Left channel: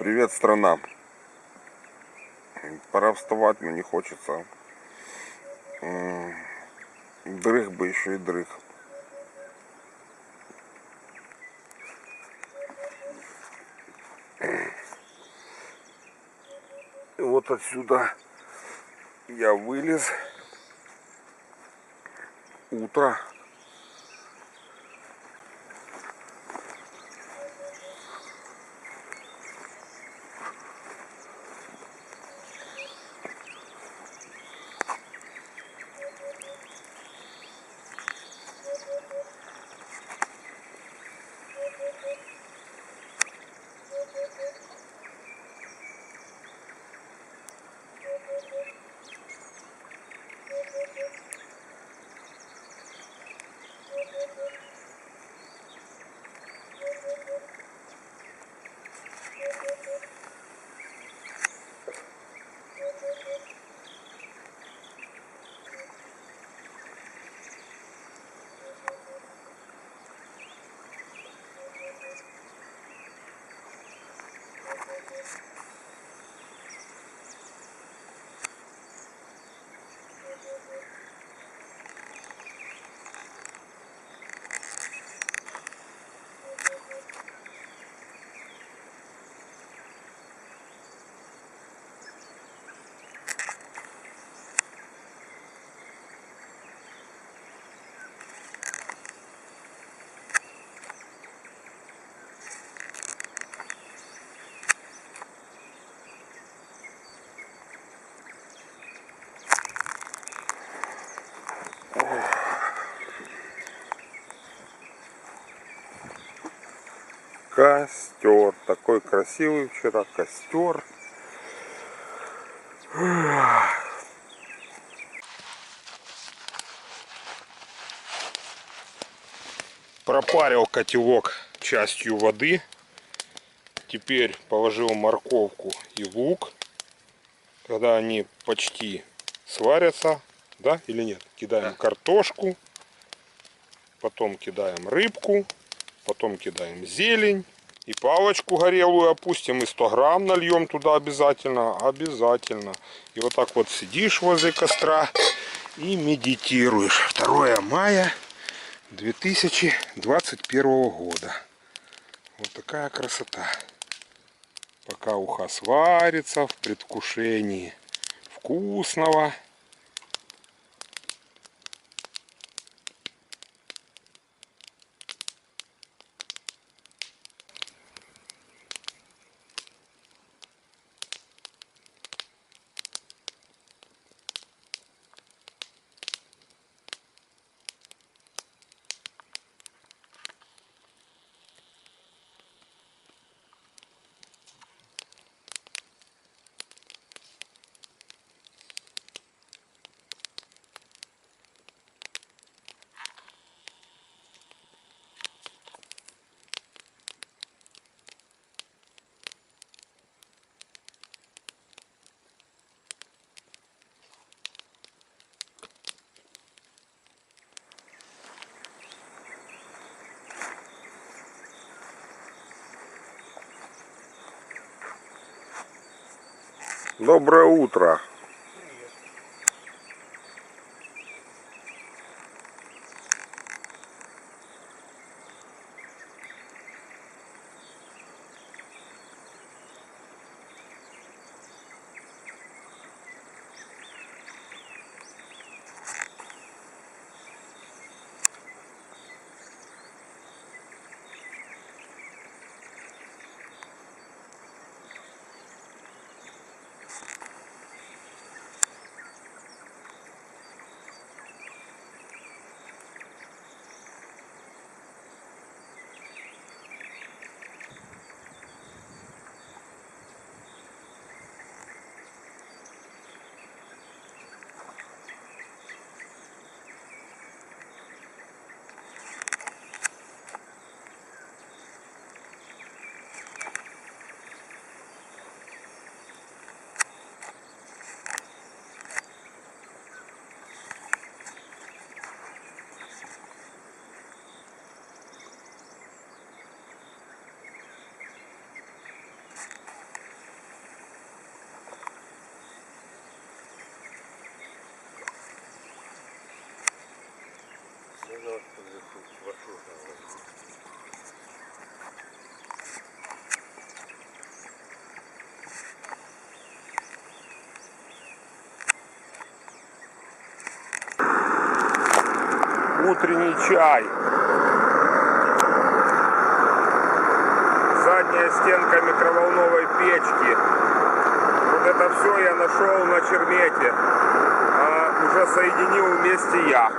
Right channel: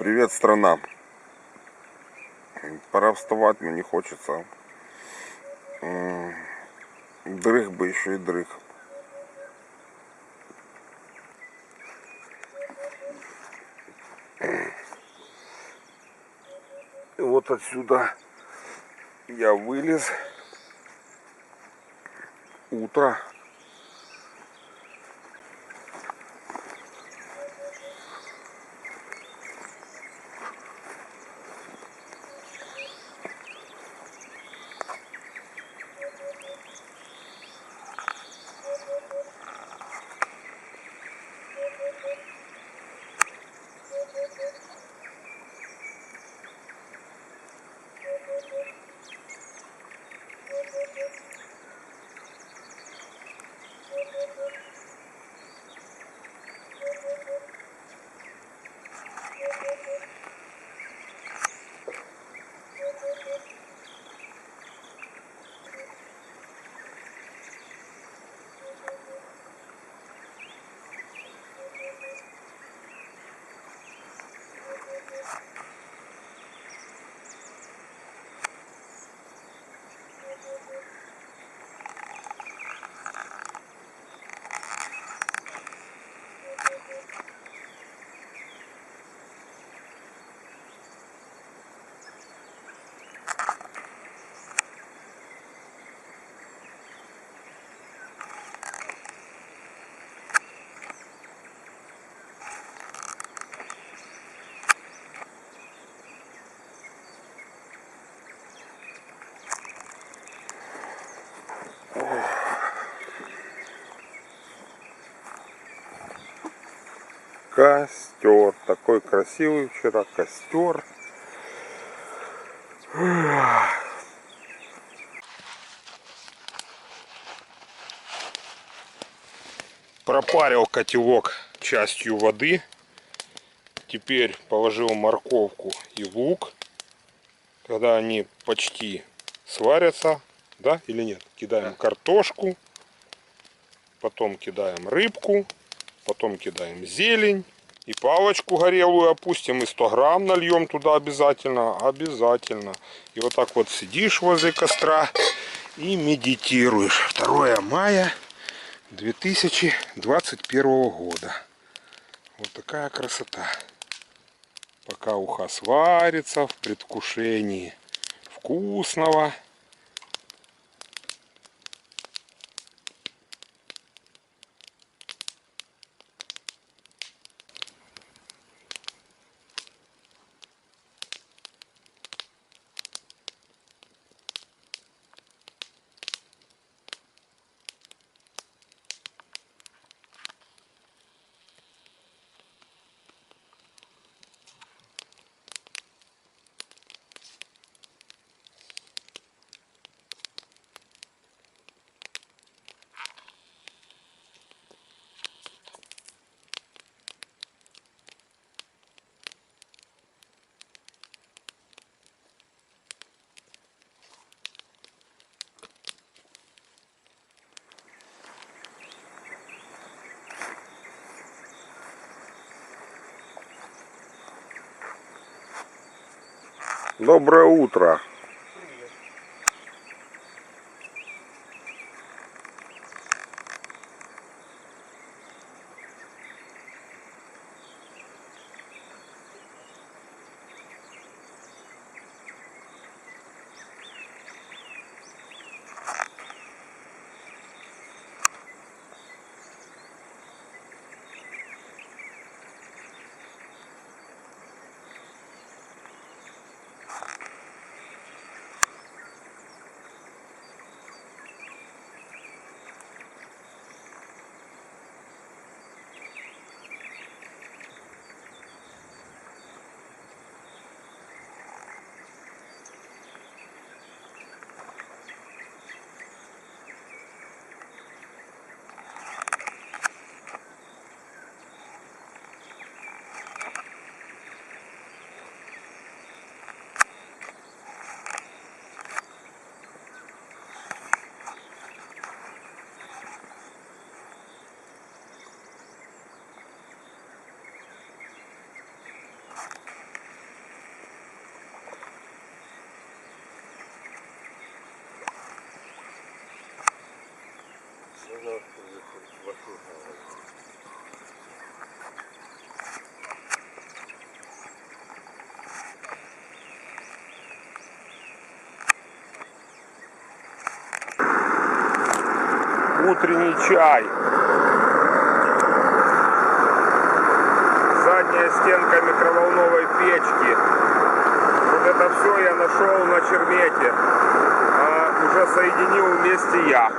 Привет, страна. Пора вставать, но не хочется. Дрых бы еще и дрых. И вот отсюда я вылез. Утро. Костер. Такой красивый вчера костер. Пропарил котелок частью воды. Теперь положил морковку и лук. Когда они почти сварятся, да или нет, кидаем картошку. Потом кидаем рыбку. Потом кидаем зелень. И палочку горелую опустим. И 100 грамм нальем туда обязательно. Обязательно. И вот так вот сидишь возле костра и медитируешь. 2 мая 2021 года. Вот такая красота. Пока уха сварится в предвкушении вкусного. Доброе утро. Утренний чай. Задняя стенка микроволновой печки. Вот это все я нашел на Чермете. Уже соединил вместе я.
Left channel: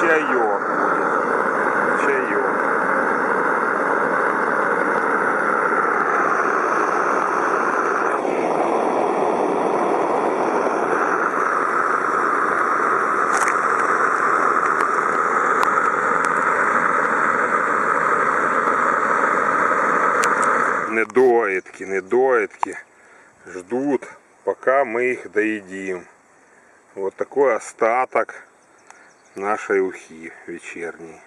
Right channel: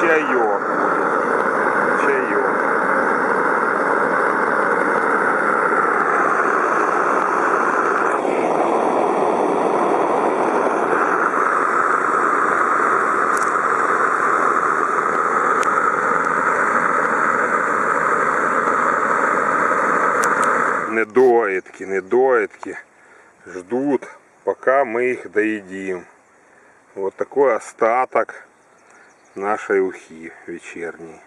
Чаек. Чаек. Недоедки ждут, пока мы их доедим. Вот такой остаток нашей ухи вечерней.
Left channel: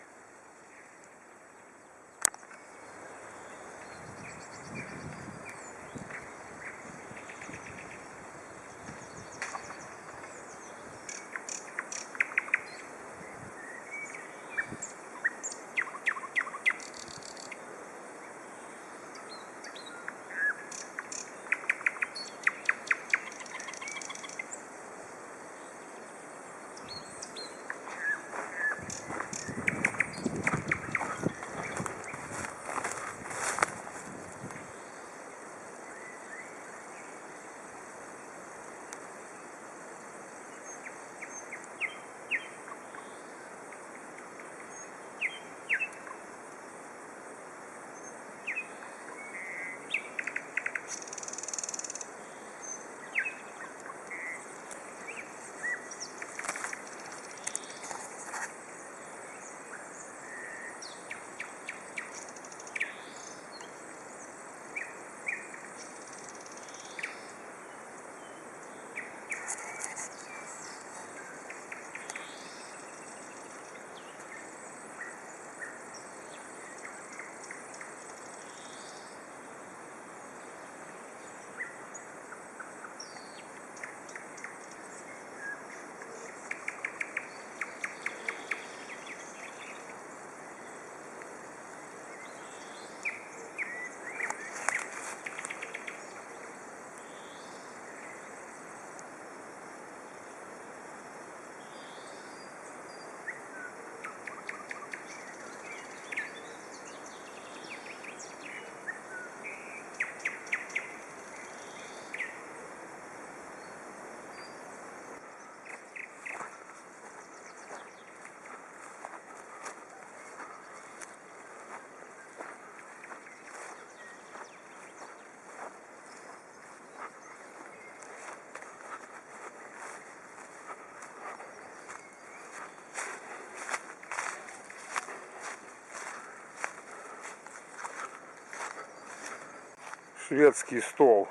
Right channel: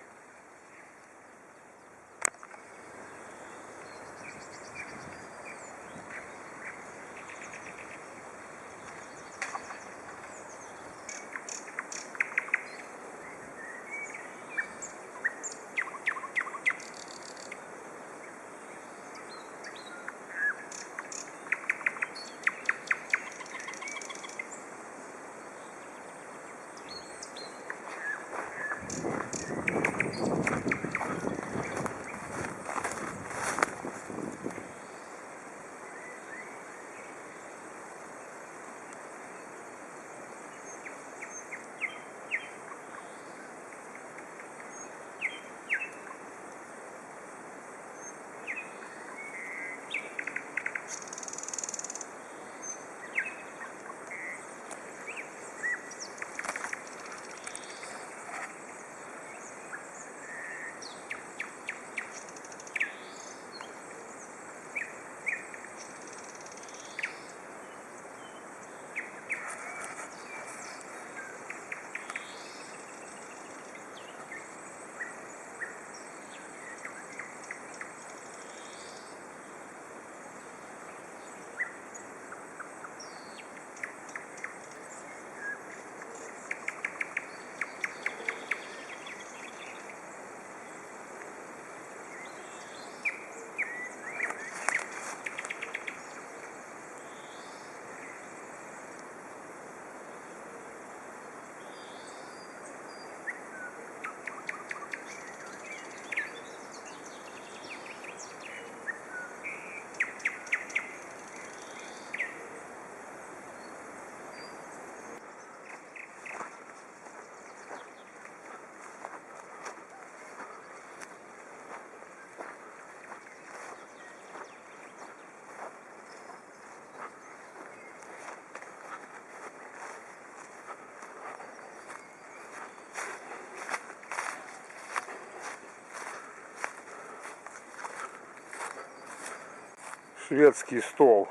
Шведский стол.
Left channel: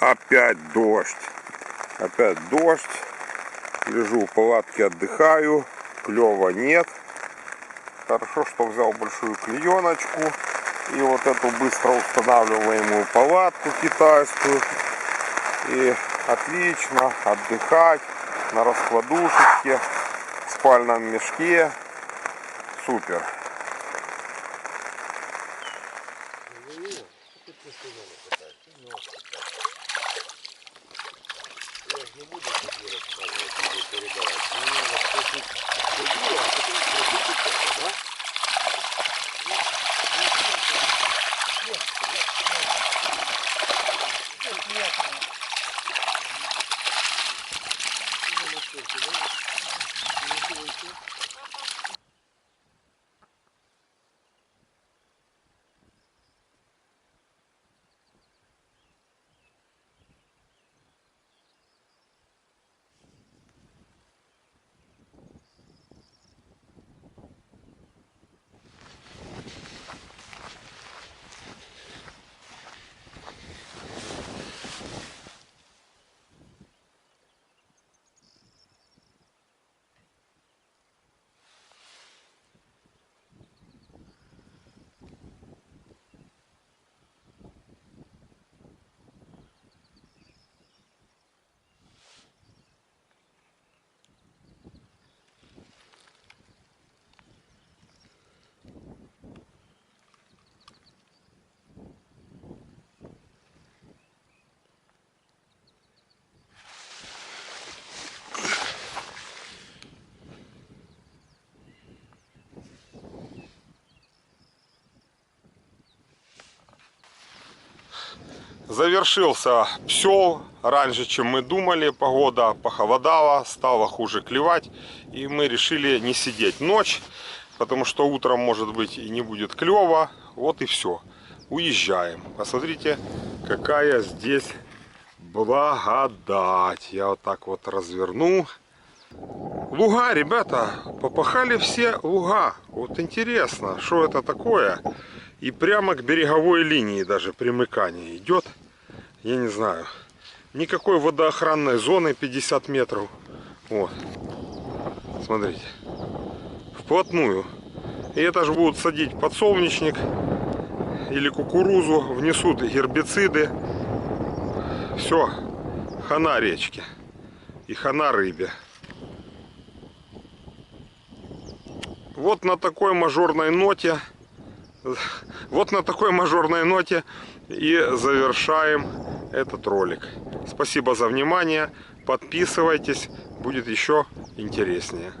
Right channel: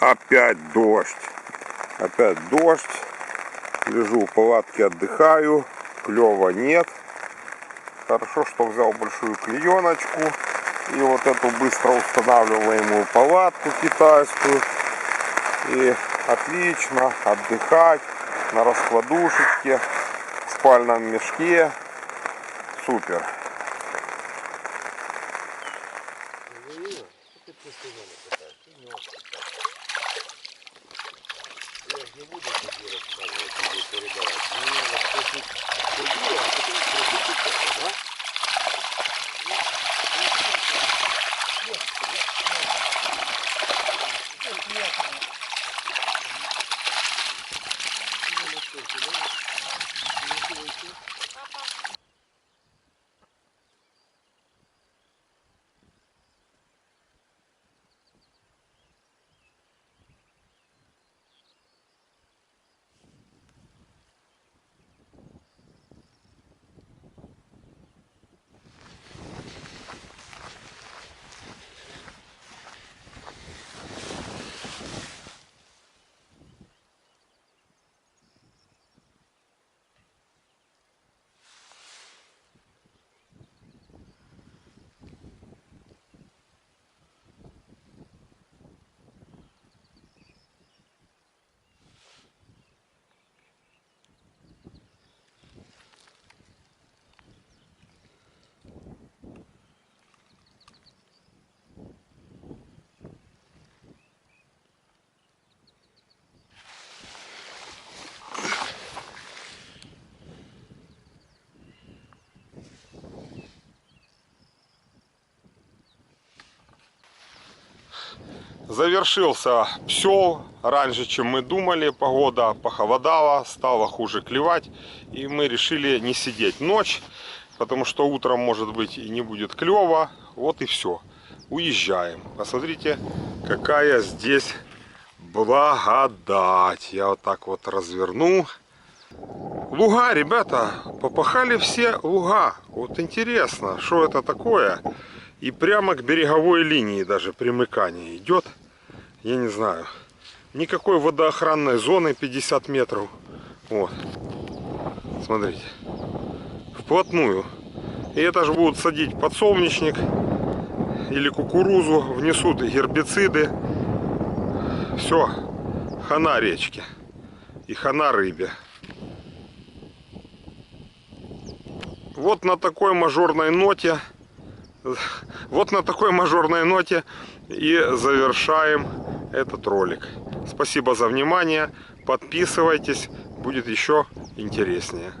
Опять дождь. Опять дождь. Лежу в палатке, отдыхаю. Клёва нет. Хорошо, что взял большую клееночку. И вот эту быстро устанавливаемую палатку китайскую. И отлично отдыхать на раскладушечке, в спальном мешке. Супер. Не буду тебе рассказывать или передавать. Мне надо спросить Сергея, а потом спросить это, да? Нет. Завершился псел раньше, чем мы думали. Погода похолодала, стало хуже клевать. И мы решили не сидеть ночь, потому что утром, может быть, и не будет клева. Вот и все. Уезжаем. Посмотрите, какая здесь благодать. Я вот так вот разверну. Луга, ребята, попахали все луга. Вот интересно, что это такое. И прямо к береговой линии даже примыкание идет. Я не знаю. Никакой водоохранной зоны 50 метров. Вот. Смотрите. Вплотную. И это же будут садить подсолнечник или кукурузу. Внесут гербициды. Все. Хана речке. И хана рыбе. Вот на такой мажорной ноте. Вот на такой мажорной ноте и завершаем этот ролик. Спасибо за внимание. Подписывайтесь. Будет еще интереснее.